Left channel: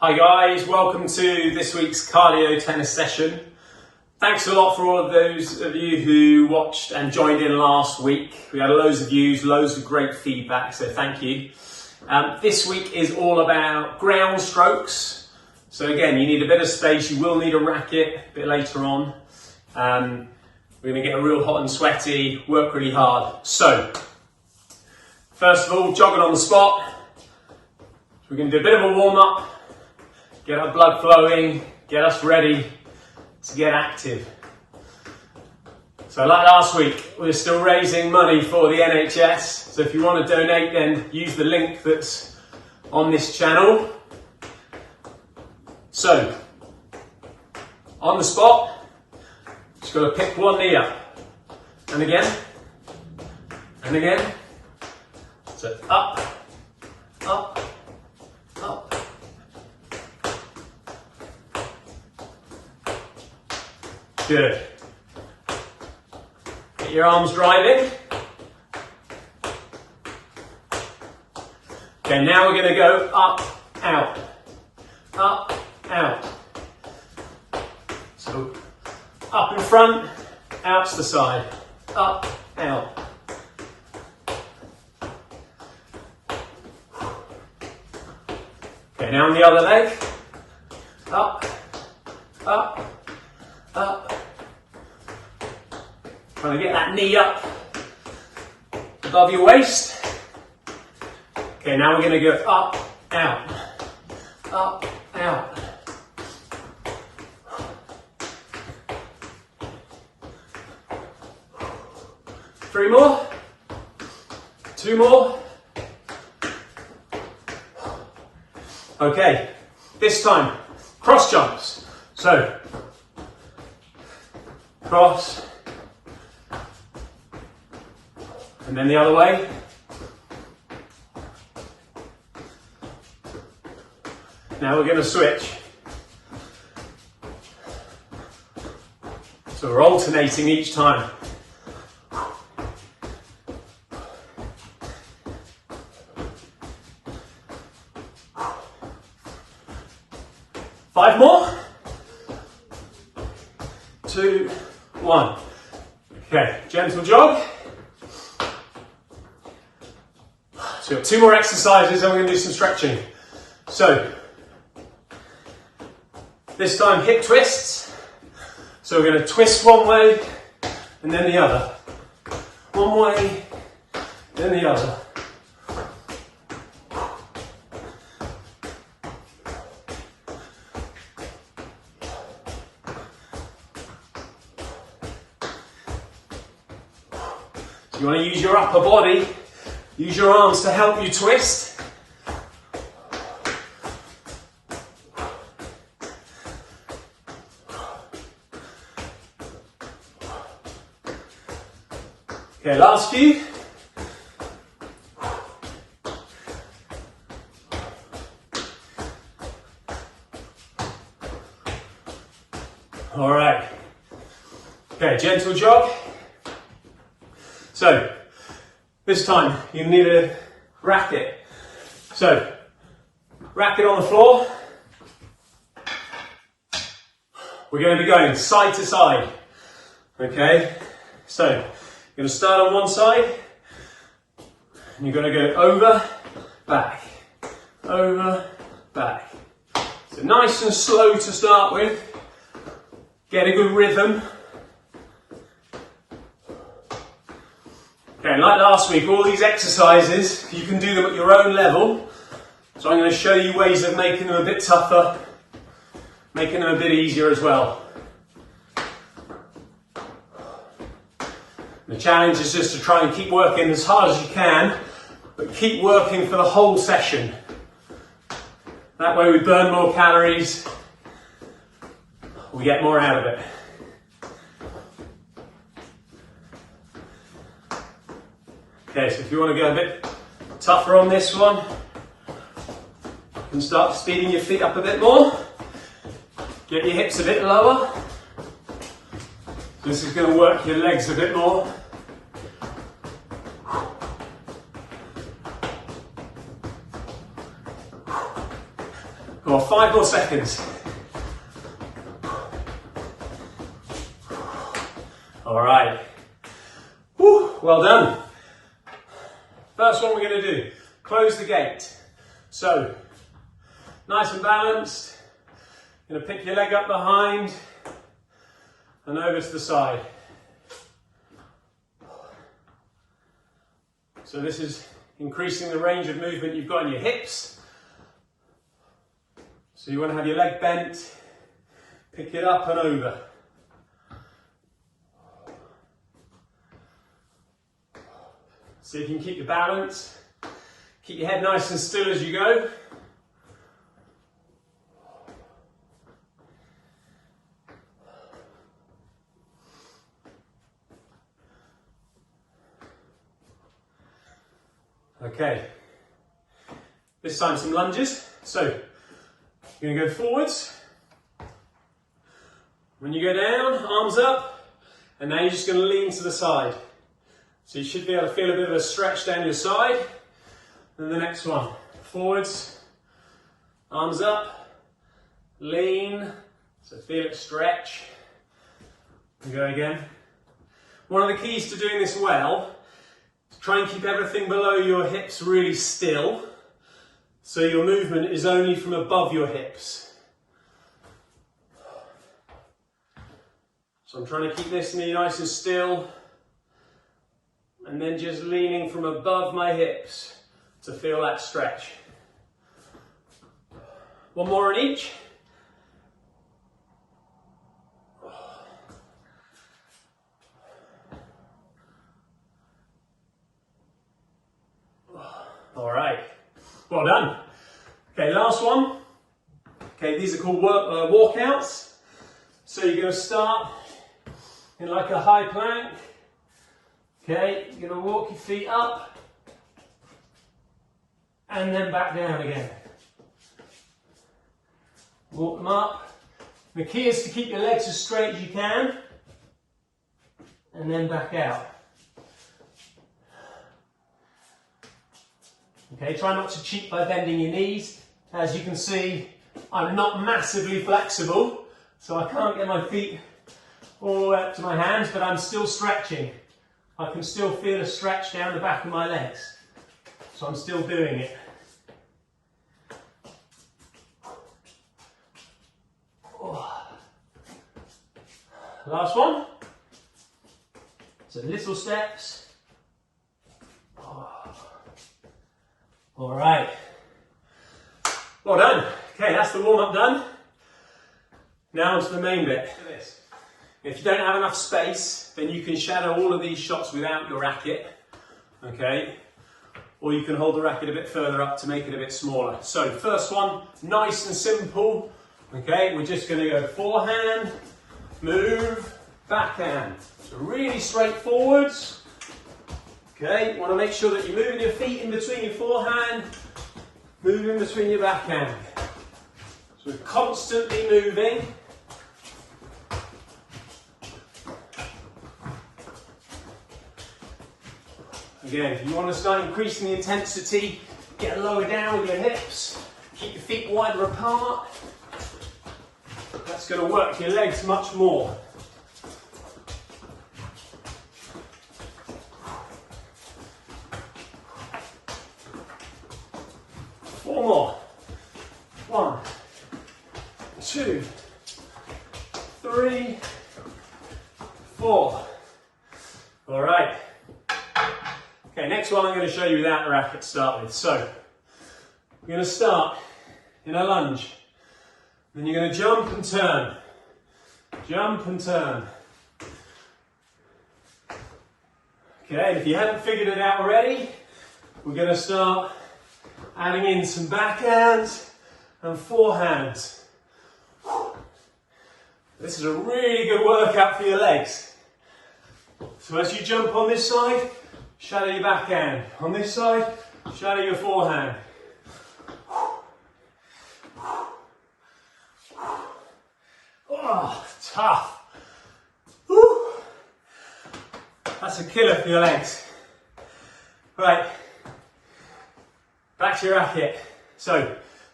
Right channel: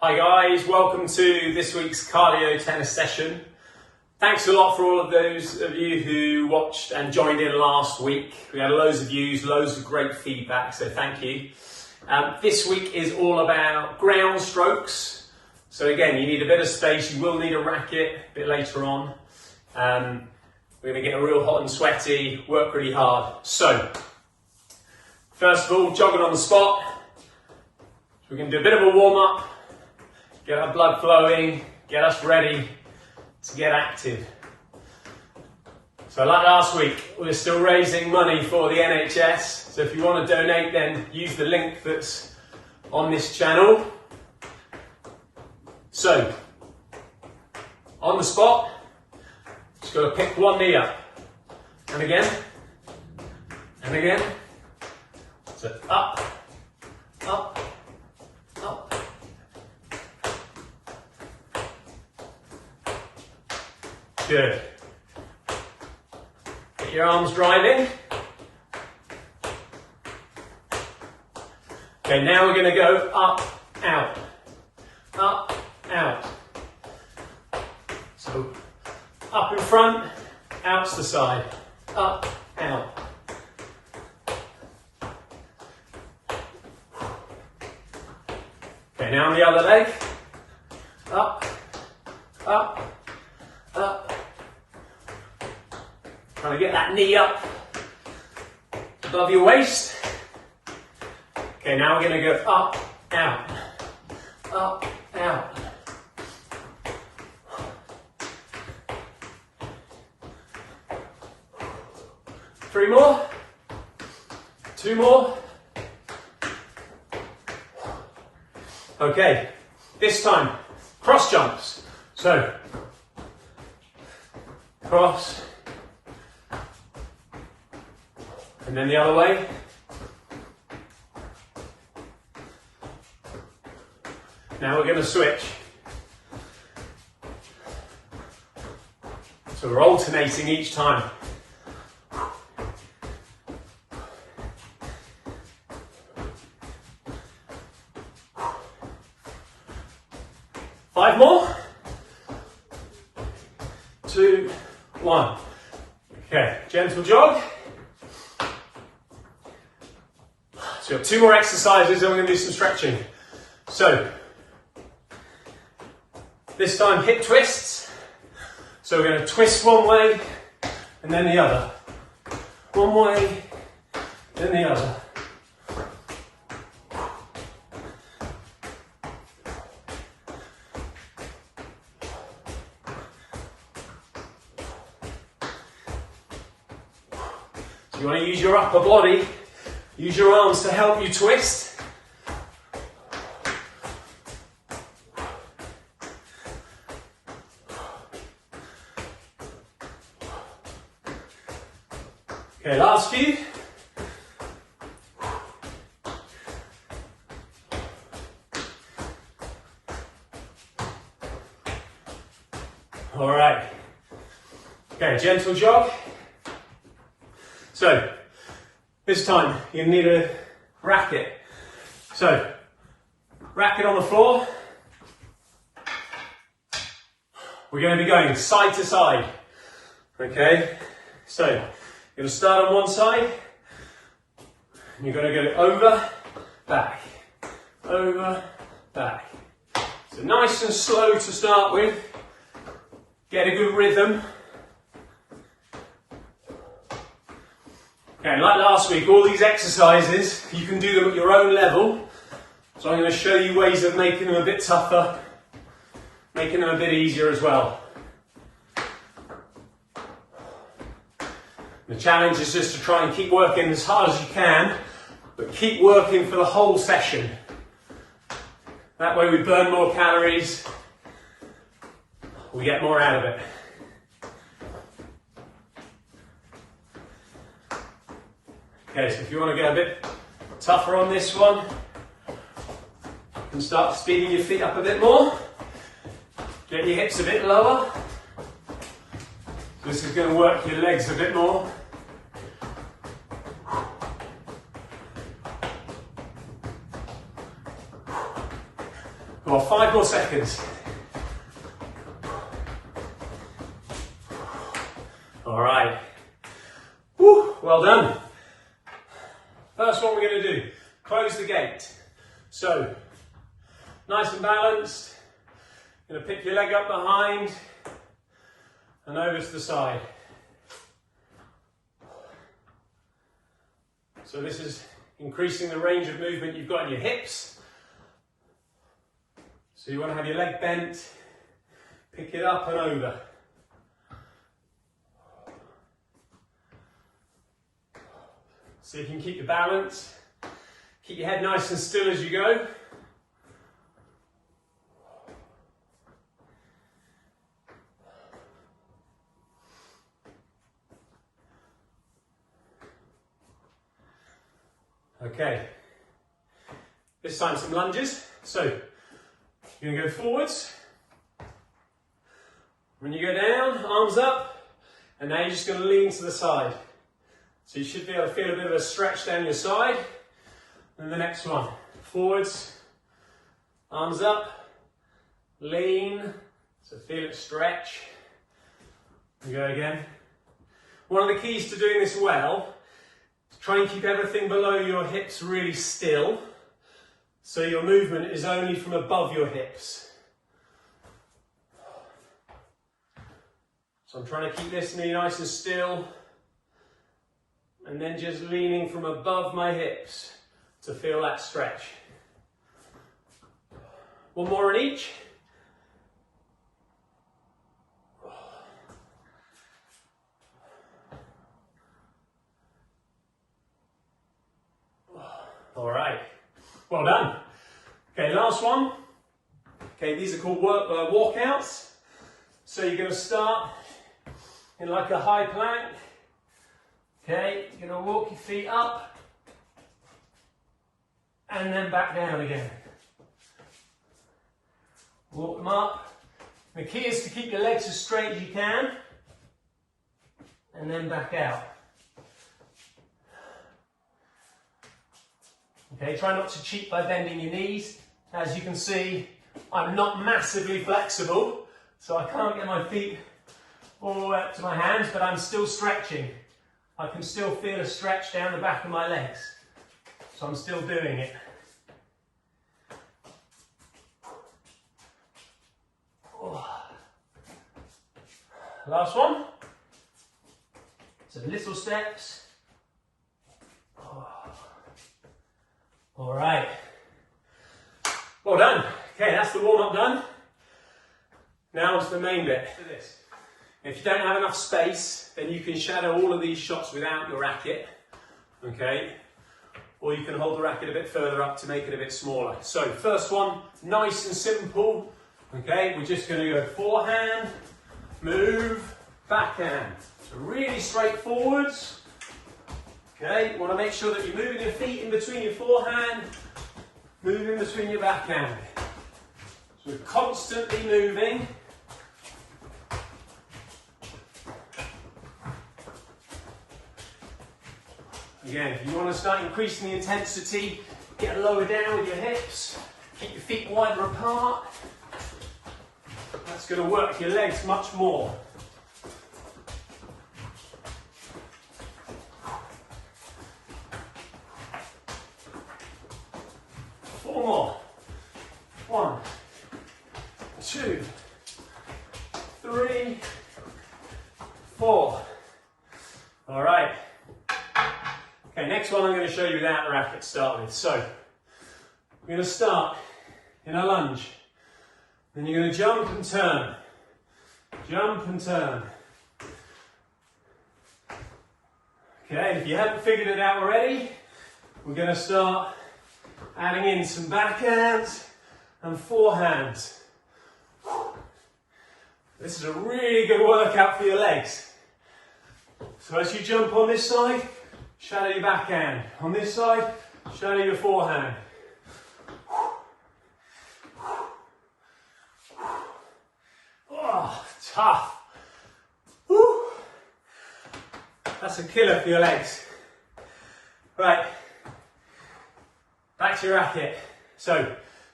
Hi guys, welcome to this week's cardio tennis session. Thanks a lot for all of those of you who watched and joined in last week. We had loads of views, loads of great feedback, so thank you. This week is all about ground strokes. So again, you need a bit of space, you will need a racket a bit later on. We're going to get real hot and sweaty, work really hard. So, first of all, jogging on the spot. We're going to do a bit of a warm up. Get our blood flowing, get us ready to get active. So like last week, we're still raising money for the NHS. So if you want to donate, then use the link that's on this channel. So, on the spot, just got to pick one knee up. And again. And again. So up, up, up. Good. Get your arms driving. Okay, now we're going to go up, out, up, out. So up in front, out to the side, up, out. Okay, now on the other leg, up, up, up. Trying to get that knee up above your waist. Okay, now we're going to go up, out, up, out. Three more, two more. Okay, this time, cross jumps. So, cross, and then the other way. Now we're going to switch. So we're alternating each time. Five more. 2, 1. Okay, gentle jog. So we've got 2 more exercises and we're going to do some stretching. So, this time hip twists. So we're going to twist one way and then the other. One way, then the other. So you want to use your upper body. Use your arms to help you twist. Okay, last few. All right. Okay, gentle jog. So, this time, you need a racket. So, racket on the floor. We're going to be going side to side. Okay? So, you're going to start on one side. And you're going to go over, back. Over, back. So, nice and slow to start with. Get a good rhythm. Okay, like last week, all these exercises, you can do them at your own level. So I'm going to show you ways of making them a bit tougher, making them a bit easier as well. The challenge is just to try and keep working as hard as you can, but keep working for the whole session. That way we burn more calories, we get more out of it. Okay, so if you want to go a bit tougher on this one, and start speeding your feet up a bit more, get your hips a bit lower. This is going to work your legs a bit more. Come on, 5 more seconds. All right. Woo, well done. First one we're going to do, close the gate. So, nice and balanced. Going to pick your leg up behind and over to the side. So this is increasing the range of movement you've got in your hips. So you want to have your leg bent, pick it up and over. So you can keep your balance, keep your head nice and still as you go. Okay, this time some lunges. So you're going to go forwards. When you go down, arms up, and now you're just going to lean to the side. So you should be able to feel a bit of a stretch down your side. And the next one, forwards, arms up, lean, so feel it stretch. And go again. One of the keys to doing this well, try and keep everything below your hips really still, so your movement is only from above your hips. So I'm trying to keep this knee nice and still, and then just leaning from above my hips to feel that stretch. One more on each. All right, well done. Okay, last one. Okay, these are called walkouts. So you're going to start in like a high plank. Okay, you're going to walk your feet up and then back down again. Walk them up. The key is to keep your legs as straight as you can and then back out. Okay, try not to cheat by bending your knees. As you can see, I'm not massively flexible, so I can't get my feet all the way up to my hands, but I'm still stretching. I can still feel a stretch down the back of my legs, so I'm still doing it. Last one. So little steps. All right. Well done. Okay, that's the warm-up done. Now to the main bit. If you don't have enough space, then you can shadow all of these shots without your racket. Okay. Or you can hold the racket a bit further up to make it a bit smaller. So first one, nice and simple. Okay, we're just going to go forehand, move, backhand. So really straightforwards. Okay, you want to make sure that you're moving your feet in between your forehand, moving between your backhand. So we're constantly moving. Again, if you want to start increasing the intensity, get lower down with your hips, keep your feet wider apart. That's going to work your legs much more. Four more. 1, 2, 3, 4. All right. Okay, next one I'm going to show you without the racket to start with. So, you're going to start in a lunge. Then you're going to jump and turn. Jump and turn. Okay, and if you haven't figured it out already, we're going to start adding in some backhands and forehands. This is a really good workout for your legs. So as you jump on this side, shadow your backhand. On this side, shadow your forehand. Oh, tough. Woo. That's a killer for your legs. Right, back to your racket. So,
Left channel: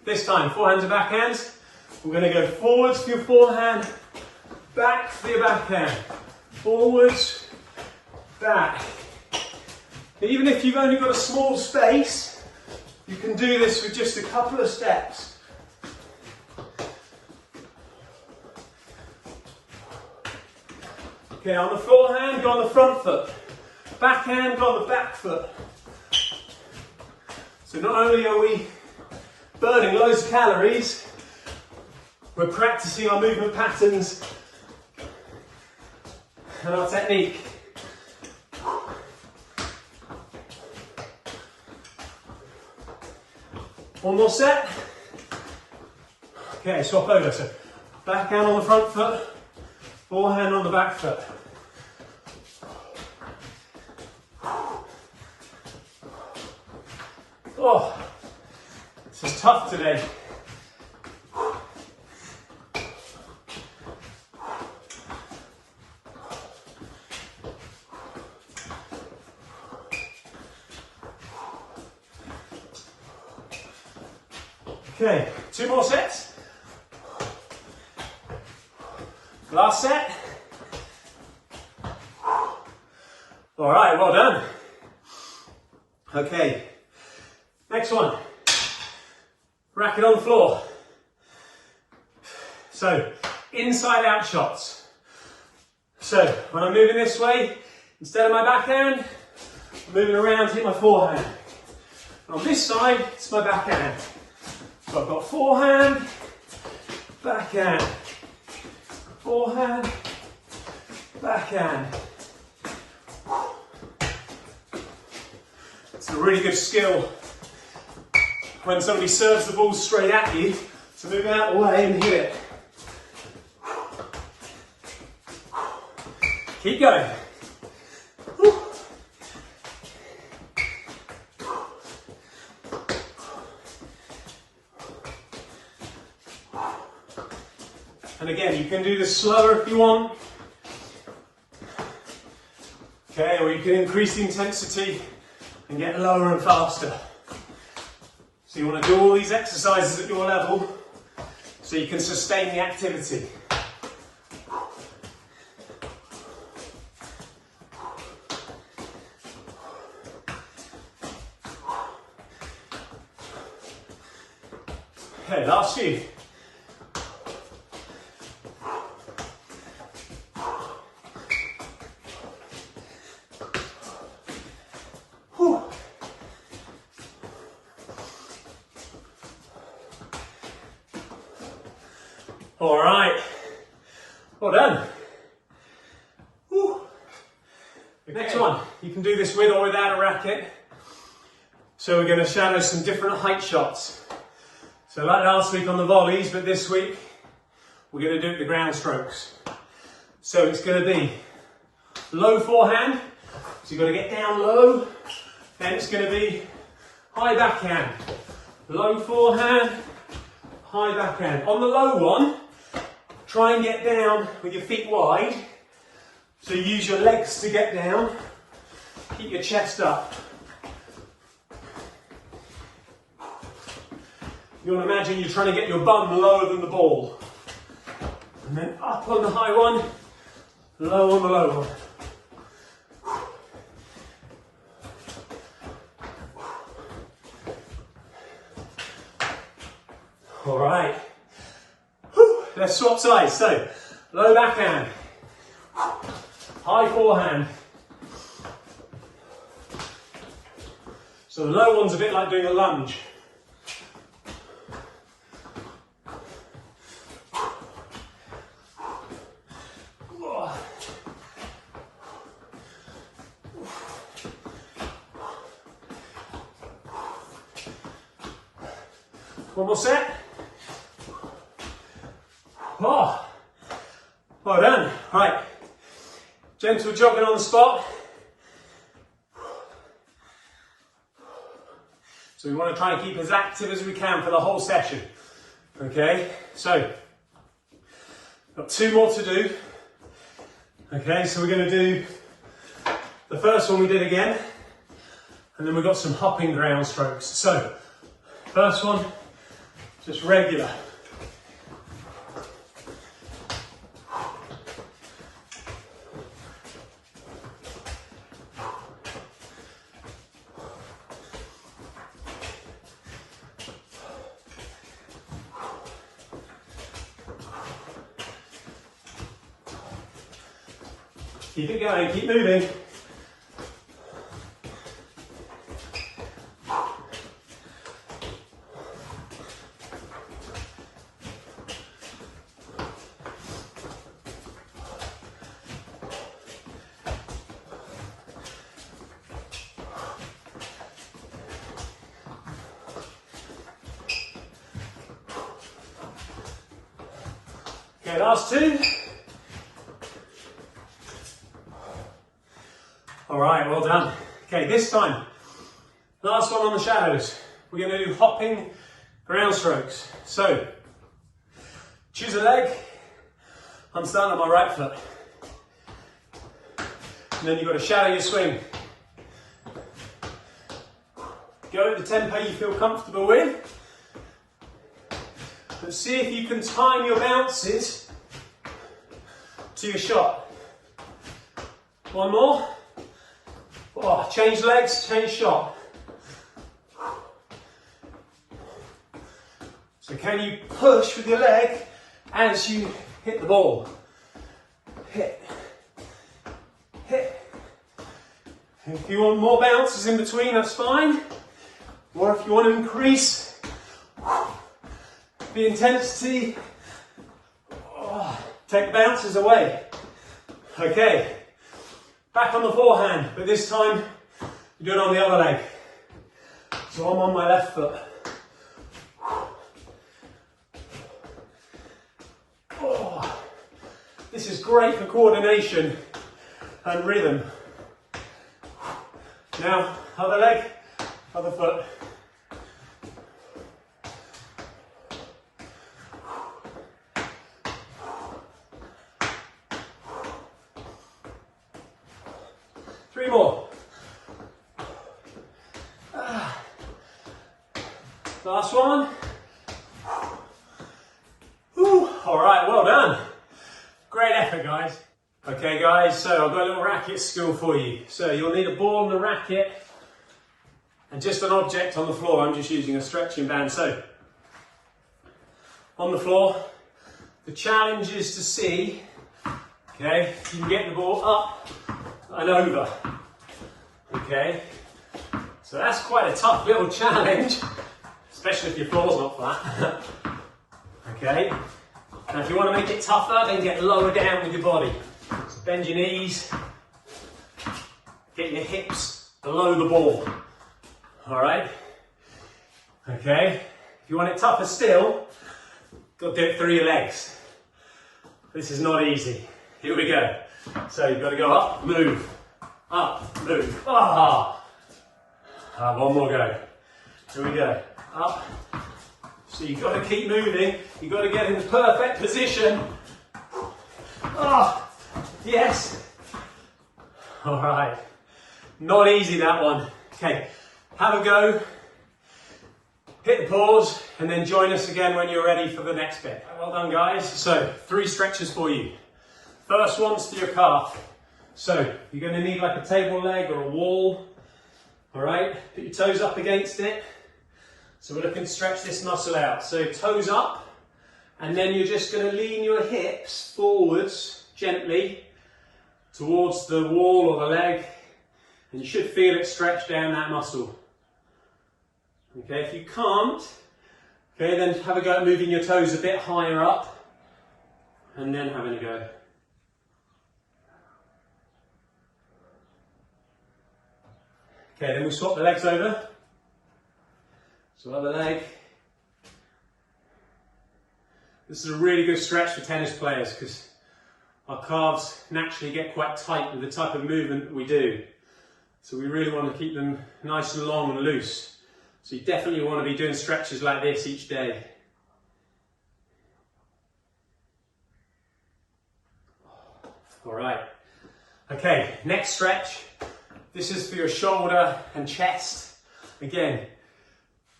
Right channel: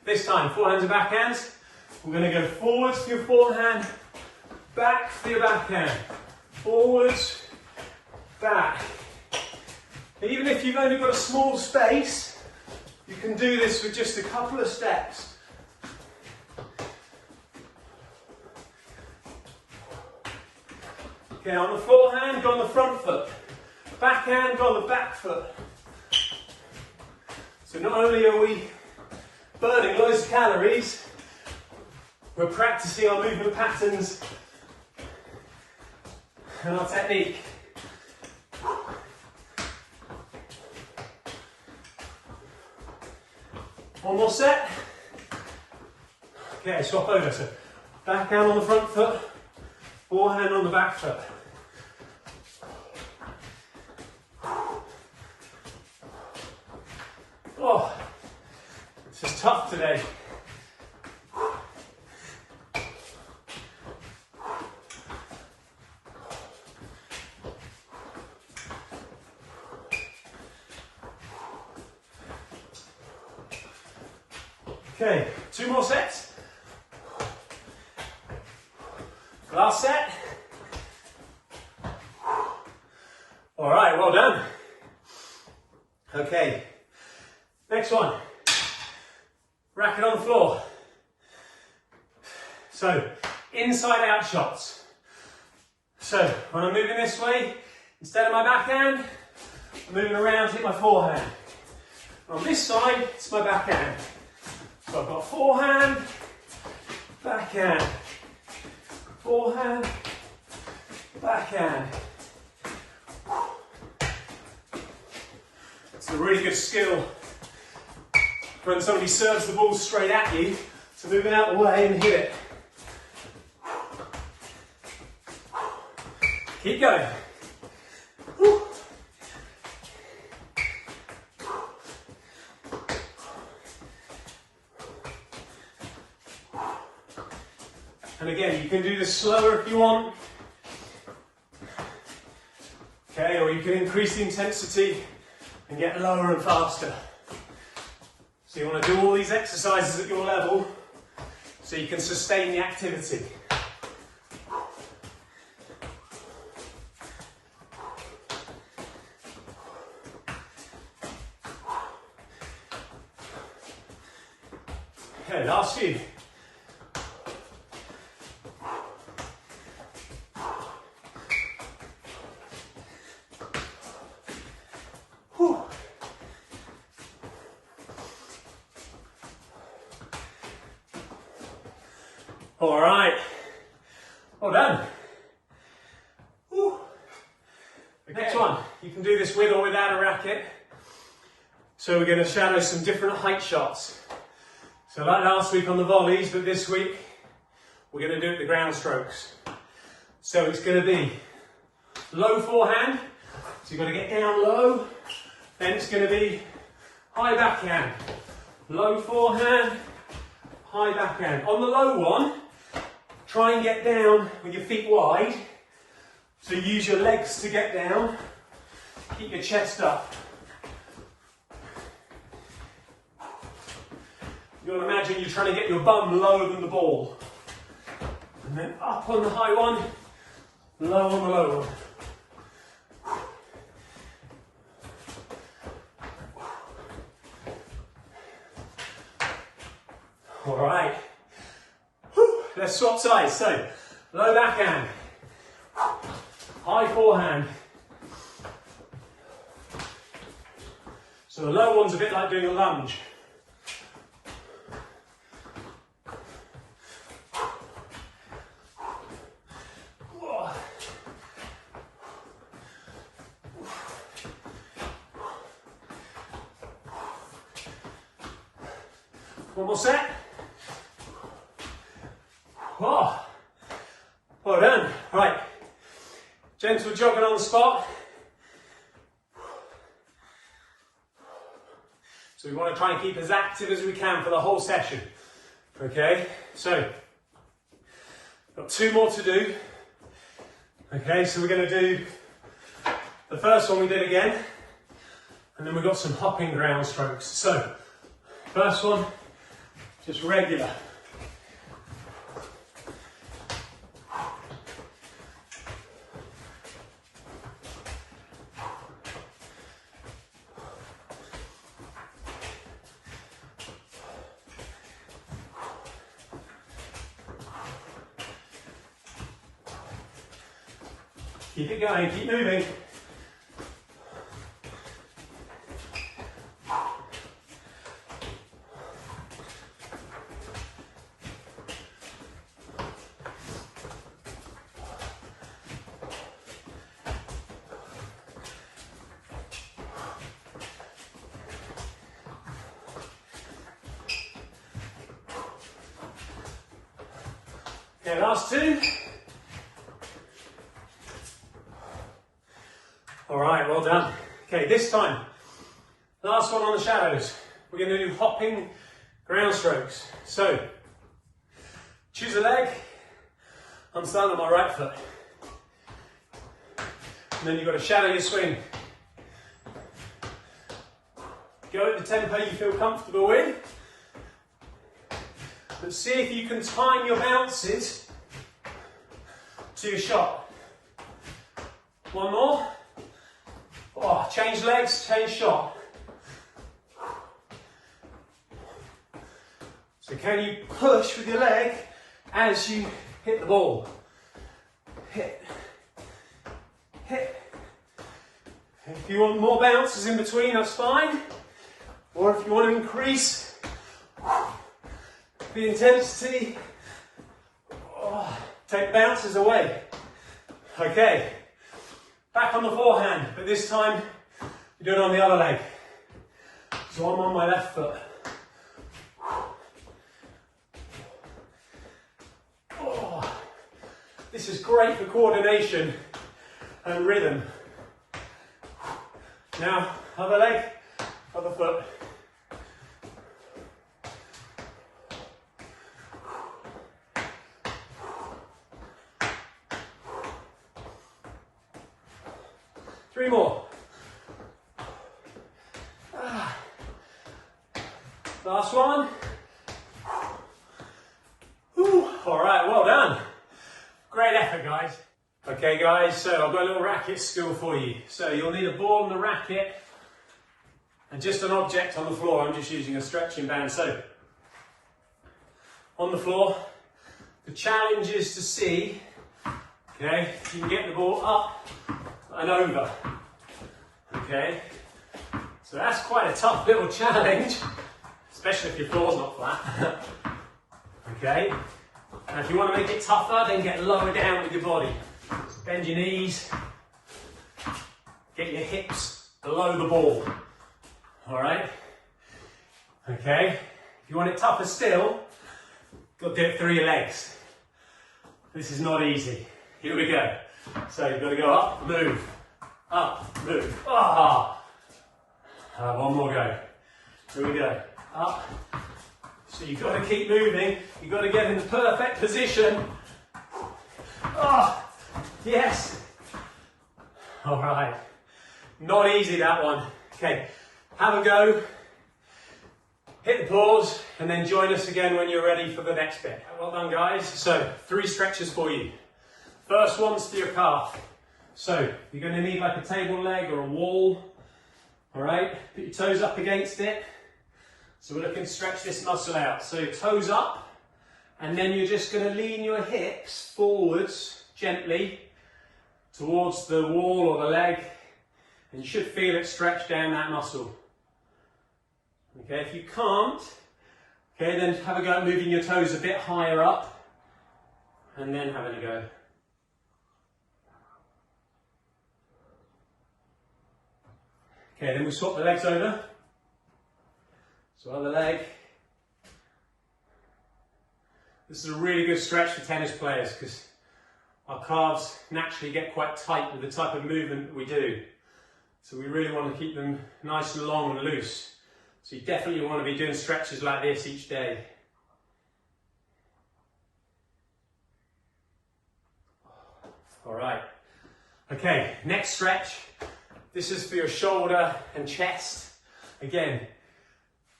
This time, forehands and backhands. We're going to go forwards for your forehand, back for your backhand. Forwards, back. Even if you've only got a small space, you can do this with just a couple of steps. Okay, on the forehand, go on the front foot. Backhand, go on the back foot. So not only are we burning loads of calories, we're practicing our movement patterns and our technique. One more set. Okay, swap over. So backhand on the front foot, forehand on the back foot. Oh, this is tough today. Okay, 2 more sets. Last set. All right, well done. Okay, next one. Racket on the floor. So, inside out shots. So, when I'm moving this way, instead of my backhand, I'm moving around to hit my forehand. On this side, it's my backhand. So I've got forehand, backhand, forehand, backhand. It's a really good skill when somebody serves the ball straight at you to move out of the way and hit it. Keep going. And again, you can do this slower if you want. Okay, or you can increase the intensity and get lower and faster. So you want to do all these exercises at your level so you can sustain the activity. Okay, last few. All right, well done. Whew. Okay. Next one, you can do this with or without a racket. So we're going to shadow some different height shots. So like last week on the volleys, but this week we're going to do it the ground strokes. So it's going to be low forehand, so you've got to get down low. Then it's going to be high backhand, low forehand, high backhand. On the low one, try and get down with your feet wide. So use your legs to get down. Keep your chest up. You want to imagine you're trying to get your bum lower than the ball. And then up on the high one, low on the low one. All right. Let's swap sides. So, low backhand, high forehand. So the low one's a bit like doing a lunge. One more set. Oh, well done. Right, gentle jogging on the spot. So we want to try and keep as active as we can for the whole session. Okay, so got 2 more to do. Okay, so we're going to do the first one we did again, and then we've got some hopping ground strokes. So first one, just regular. Keep it going, keep moving. Okay, last two. All right, well done. Okay, this time, last one on the shadows. We're going to do hopping ground strokes. So, choose a leg. I'm standing on my right foot. And then you've got to shadow your swing. Go at the tempo you feel comfortable with. But see if you can time your bounces to your shot. One more. Oh, change legs, change shot. So can you push with your leg as you hit the ball? Hit. Hit. If you want more bounces in between, that's fine. Or if you want to increase the intensity, take bounces away. Okay. Back on the forehand, but this time you do it on the other leg. So I'm on my left foot. Oh, this is great for coordination and rhythm. Now, other leg, other foot. Three more. Last one. Whew. All right, well done. Great effort, guys. Okay, guys, so I've got a little racket skill for you. So you'll need a ball and a racket and just an object on the floor. I'm just using a stretching band. So on the floor, the challenge is to see, okay, if you can get the ball up and over. Okay, so that's quite a tough little challenge, especially if your floor's not flat. Okay, and if you want to make it tougher, then get lower down with your body. So bend your knees, get your hips below the ball. All right. Okay, if you want it tougher still, got to do it through your legs. This is not easy. Here we go. So you've got to go up, move. Up, move. Ah. One more go. Here we go. Up. So you've got to keep moving. You've got to get in the perfect position. Ah. Yes. All right. Not easy, that one. Okay. Have a go. Hit the pause and then join us again when you're ready for the next bit. Well done, guys. So 3 stretches for you. First one's to your calf. So you're going to need like a table leg or a wall. All right, put your toes up against it. So we're looking to stretch this muscle out. So toes up, and then you're just going to lean your hips forwards gently towards the wall or the leg, and you should feel it stretch down that muscle. Okay, if you can't, okay, then have a go at moving your toes a bit higher up, and then having a go. Okay, then we swap the legs over. So other leg. This is a really good stretch for tennis players because our calves naturally get quite tight with the type of movement that we do. So we really want to keep them nice and long and loose. So you definitely want to be doing stretches like this each day. All right. Okay, next stretch. This is for your shoulder and chest. Again,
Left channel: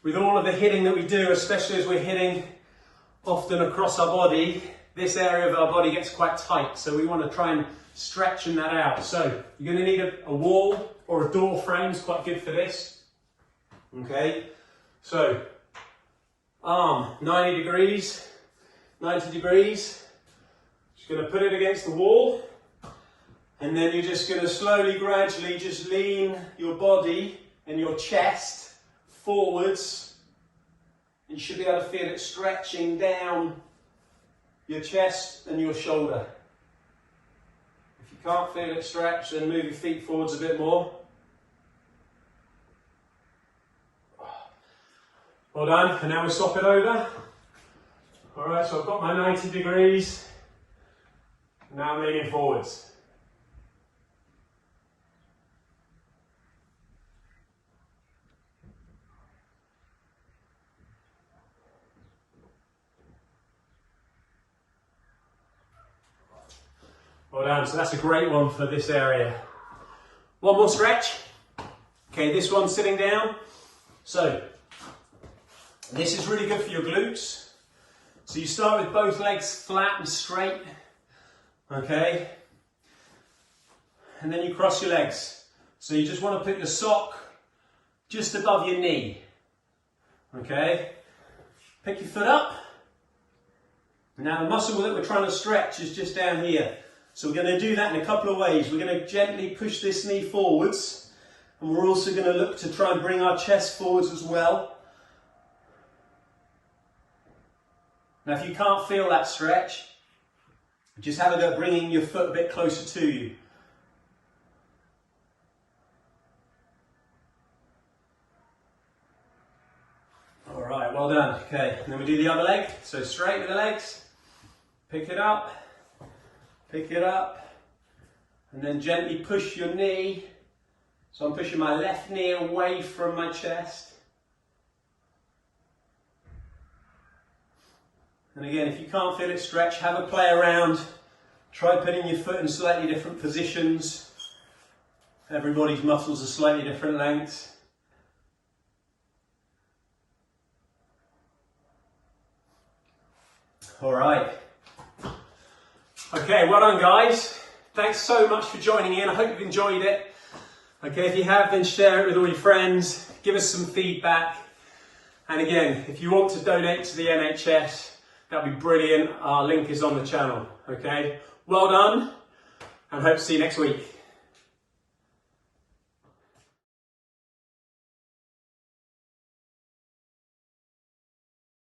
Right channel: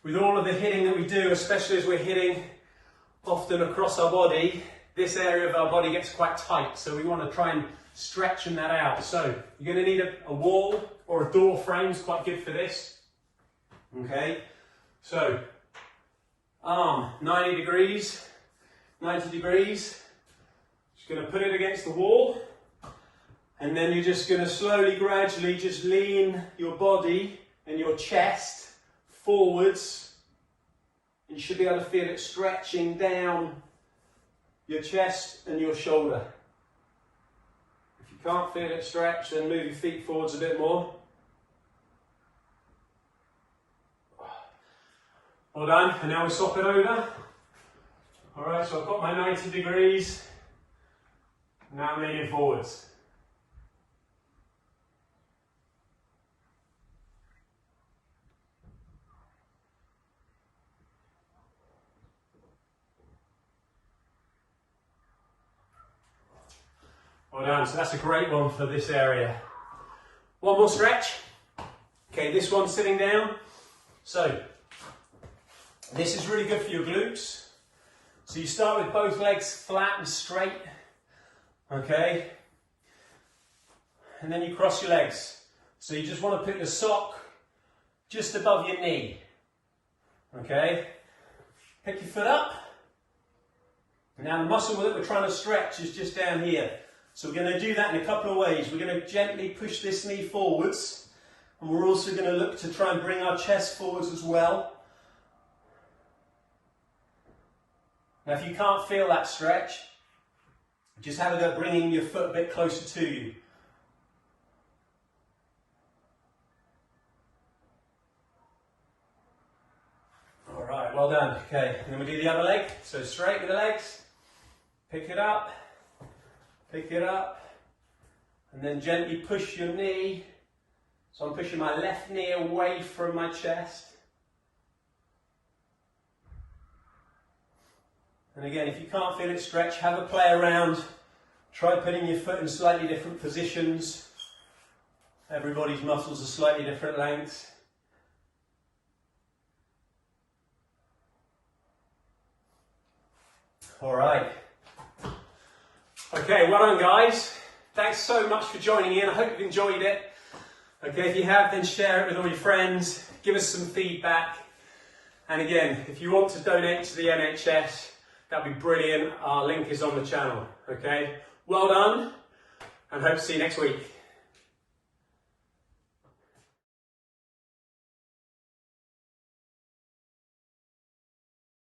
with all of the hitting that we do, especially as we're hitting often across our body, this area of our body gets quite tight. So we want to try and stretching that out. So you're going to need a wall or a door frame. It's quite good for this. Okay, so arm 90 degrees. Just going to put it against the wall, and then you're just going to slowly, gradually just lean your body and your chest forwards. You should be able to feel it stretching down your chest and your shoulder. If you can't feel it stretch, then move your feet forwards a bit more. Well done, and now we'll swap it over. Alright, so I've got my 90 degrees. Now I'm leaning forwards. Well done, so that's a great one for this area. One more stretch. Okay, this one's sitting down. So, this is really good for your glutes. So you start with both legs flat and straight. Okay. And then you cross your legs. So you just want to put your sock just above your knee. Okay. Pick your foot up. Now the muscle that we're trying to stretch is just down here. So we're going to do that in a couple of ways. We're going to gently push this knee forwards. And we're also going to look to try and bring our chest forwards as well. Now if you can't feel that stretch, just have a go at bringing your foot a bit closer to you. Alright, well done. Okay, and then we do the other leg. So straight with the legs, pick it up, and then gently push your knee. So I'm pushing my left knee away from my chest. And again, if you can't feel it stretch, have a play around. Try putting your foot in slightly different positions. Everybody's muscles are slightly different lengths. All right. Okay, well done guys. Thanks so much for joining in. I hope you've enjoyed it. Okay, if you have, then share it with all your friends. Give us some feedback. And again, if you want to donate to the NHS, that'd be brilliant. Our link is on the channel. Okay, well done, and hope to see you next week.